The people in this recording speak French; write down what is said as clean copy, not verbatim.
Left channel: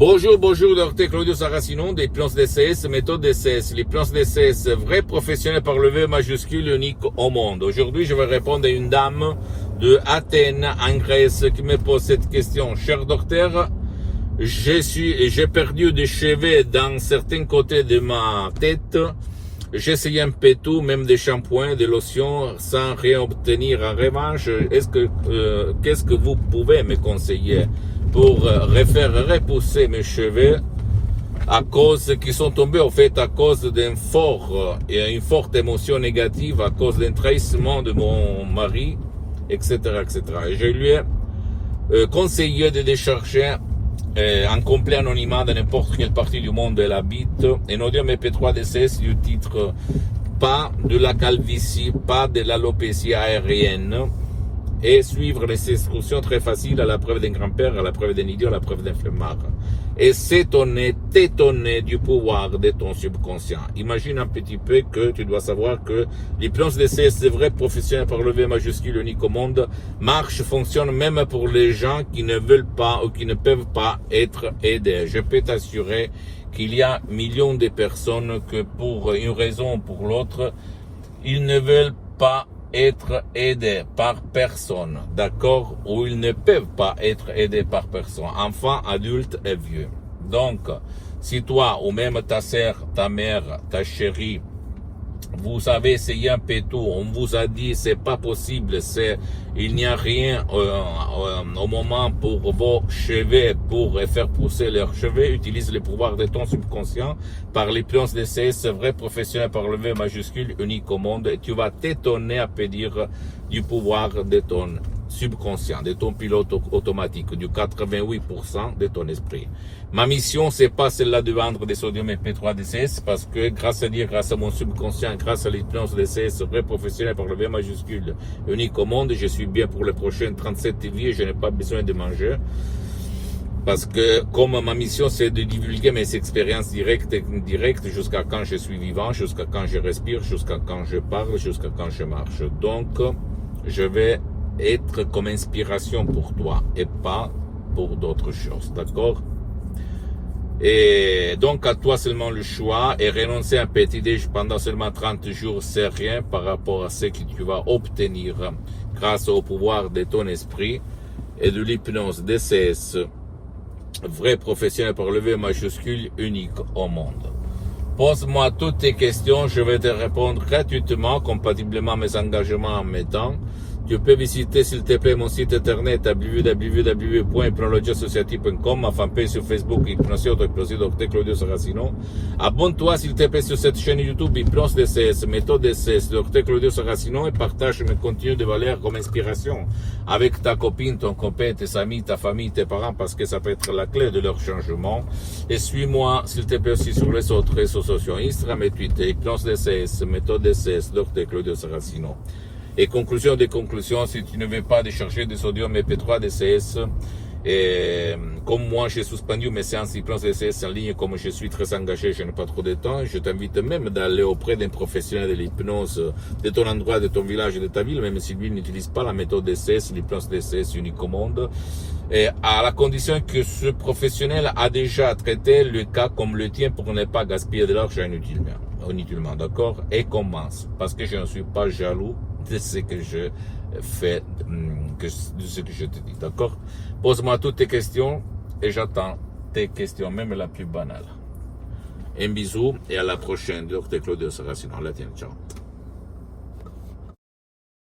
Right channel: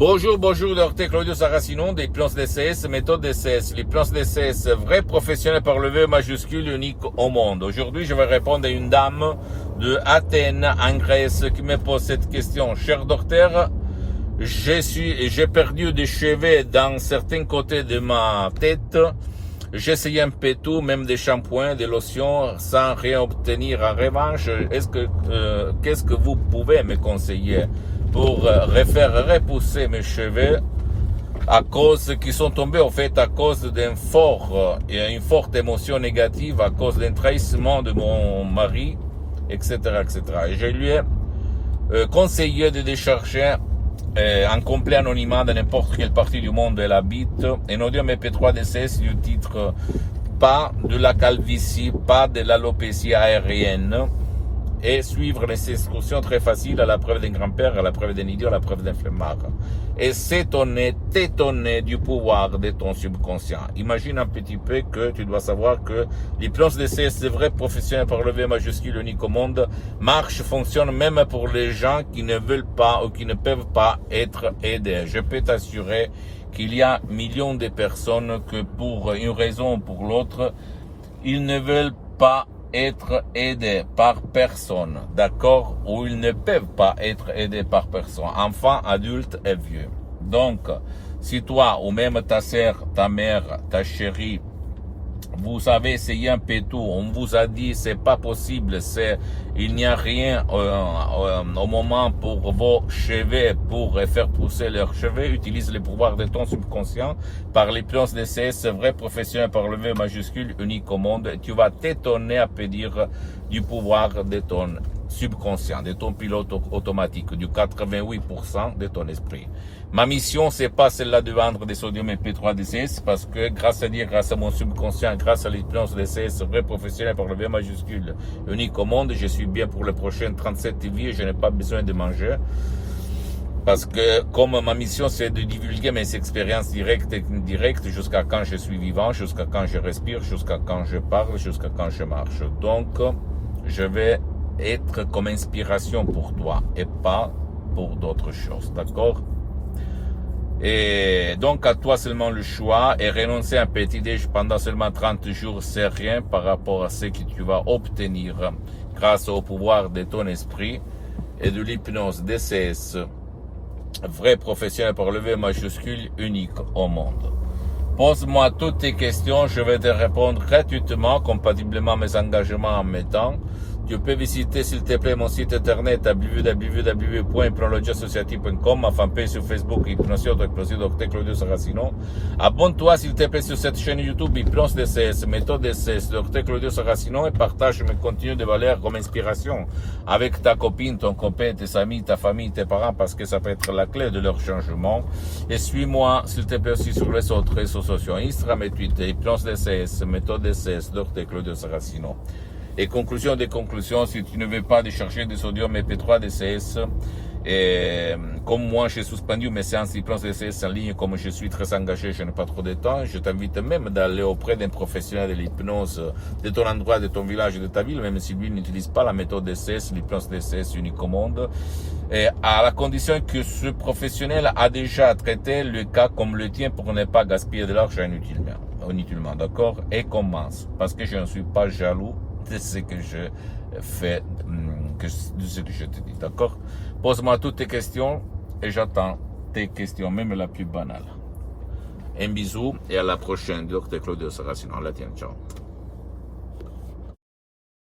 Bonjour, docteur Claudio Saracino, des plans DCS, méthode DCS. Les plans DCS, vrais professionnels par le V majuscule unique au monde. Aujourd'hui, je vais répondre à une dame de Athènes, en Grèce, qui me pose cette question. Cher docteur, j'ai perdu des cheveux dans certains côtés de ma tête. J'ai essayé un peu tout, même des shampoings, des lotions, sans rien obtenir en revanche. Qu'est-ce que vous pouvez me conseiller pour refaire repousser mes cheveux qui sont tombés en fait à cause d'une forte émotion négative, à cause d'un trahissement de mon mari, etc., etc. Et je lui ai conseillé de décharger en complet anonymat dans n'importe quelle partie du monde elle habite, un audio MP3 DCS du titre pas de la calvitie, pas de l'alopécie aérienne, et suivre les instructions très faciles à la preuve d'un grand-père, à la preuve d'un idiot, à la preuve d'un flemmard. Et t'étonner du pouvoir de ton subconscient. Imagine un petit peu que tu dois savoir que l'hypnose DCS, c'est vrai, professionnel par le V majuscule unique au monde, fonctionne même pour les gens qui ne veulent pas ou qui ne peuvent pas être aidés. Je peux t'assurer qu'il y a millions de personnes que pour une raison ou pour l'autre, ils ne veulent pas être aidés par personne, d'accord? Ou ils ne peuvent pas être aidés par personne, enfants, adultes et vieux. Donc, si toi, ou même ta sœur, ta mère, ta chérie, vous avez essayé un peu tout, on vous a dit c'est pas possible, il n'y a rien au moment pour vos cheveux, pour faire pousser leurs cheveux, utilise le pouvoir de ton subconscient par l'hypnose DCS, vrai professionnel par le V majuscule unique au monde, et tu vas t'étonner à dire du pouvoir de ton subconscient, de ton pilote automatique, du 88% de ton esprit. Ma mission, c'est pas celle-là de vendre des sodium MP3 DCS, parce que grâce à mon subconscient, grâce à l'hypnose DCS, vrai professionnel par le V majuscule unique au monde, je suis bien pour les prochaines 37 vies et je n'ai pas besoin de manger. Parce que comme ma mission c'est de divulguer mes expériences directes et indirectes jusqu'à quand je suis vivant, jusqu'à quand je respire, jusqu'à quand je parle, jusqu'à quand je marche. Donc, je vais être comme inspiration pour toi et pas pour d'autres choses, d'accord? Et donc à toi seulement le choix, et renoncer à un petit déj pendant seulement 30 jours, c'est rien par rapport à ce que tu vas obtenir grâce au pouvoir de ton esprit et de l'hypnose DCS, vrai professionnel par le V majuscule unique au monde. Pose-moi toutes tes questions, je vais te répondre gratuitement, compatiblement à mes engagements en mes temps. Tu peux visiter, s'il te plaît, mon site internet à www.hypnologieassociative.com, ma fanpage sur Facebook, Hypnosie Dr Claudio Saracino. Abonne-toi, s'il te plaît, sur cette chaîne YouTube, Hypnose DCS, méthode DCS, Dr Claudio Saracino, et partage mes contenus de valeur comme inspiration avec ta copine, ton copain, tes amis, ta famille, tes parents, parce que ça peut être la clé de leur changement. Et suis-moi, s'il te plaît, aussi sur les autres réseaux sociaux, Instagram et Twitter, Hypnose DCS, méthode DCS, Dr Claudio Saracino. Et conclusion des conclusions, si tu ne veux pas décharger des sodium MP3 DCS, et comme moi j'ai suspendu mes séances d'hypnose DCS en ligne, comme je suis très engagé, je n'ai pas trop de temps, je t'invite même d'aller auprès d'un professionnel de l'hypnose de ton endroit, de ton village, de ta ville, même si lui n'utilise pas la méthode DCS, l'hypnose DCS unique au monde, et à la condition que ce professionnel a déjà traité le cas comme le tien pour ne pas gaspiller de l'argent inutilement, d'accord? Et commence, parce que je ne suis pas jaloux de ce que je fais, de ce que je te dis, d'accord? Pose-moi toutes tes questions et j'attends tes questions, même la plus banale. Un bisou et à la prochaine, Dr Claudio Saracino. À la tienne, ciao.